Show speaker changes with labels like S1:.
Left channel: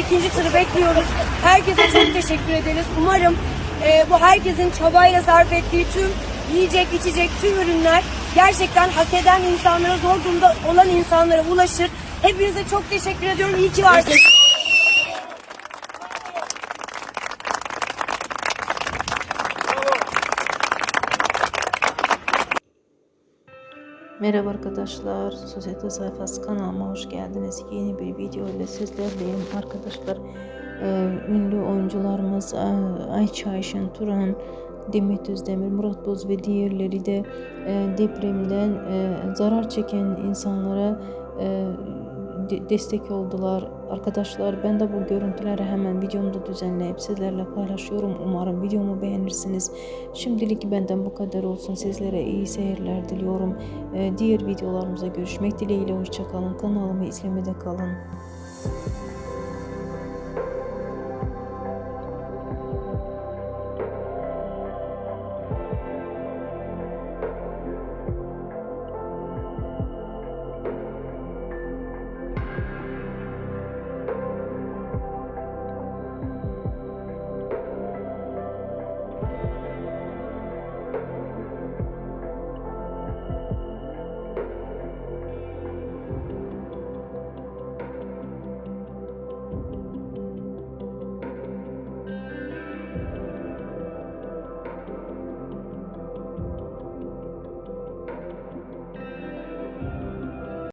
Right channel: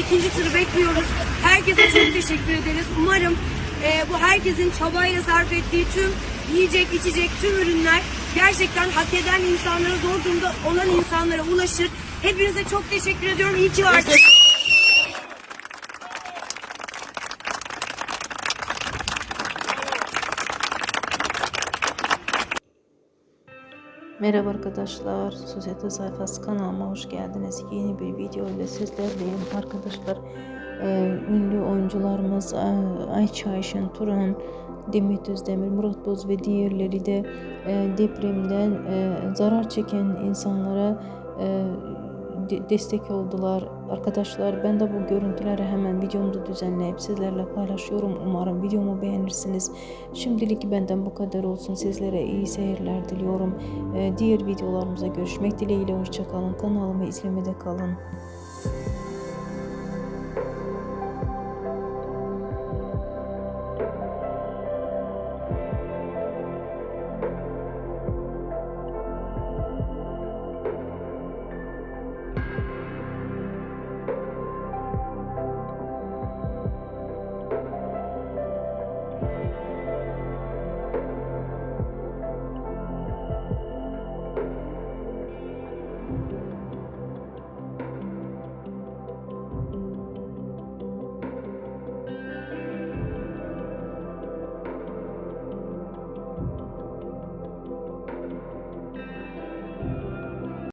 S1: ikinci turu bekliyoruz. Herkese çok teşekkür ederiz. Umarım e, bu herkesin çabayla sarf ettiği tüm yiyecek, içecek, tüm ürünler gerçekten hak eden insanlara, zor durumda olan insanlara ulaşır. Hepinize çok teşekkür ediyorum. İyi ki varsınız.
S2: Merhaba arkadaşlar, Sosyete Sayfası kanalıma hoş geldiniz. Yeni bir video ile sizlerleyim arkadaşlar. Ee, ünlü oyuncularımız e, Ayça Ayşen Turan, Demet Özdemir, Murat Boz ve diğerleri de e, depremden e, zarar çeken insanlara destek oldular. Arkadaşlar ben de bu görüntüleri hemen videomda düzenleyip sizlerle paylaşıyorum. Umarım videomu beğenirsiniz. Şimdilik benden bu kadar olsun. Sizlere iyi seyirler diliyorum. Ee, Diğer videolarımıza görüşmek dileğiyle. Hoşçakalın. Kanalımı izlemede kalın.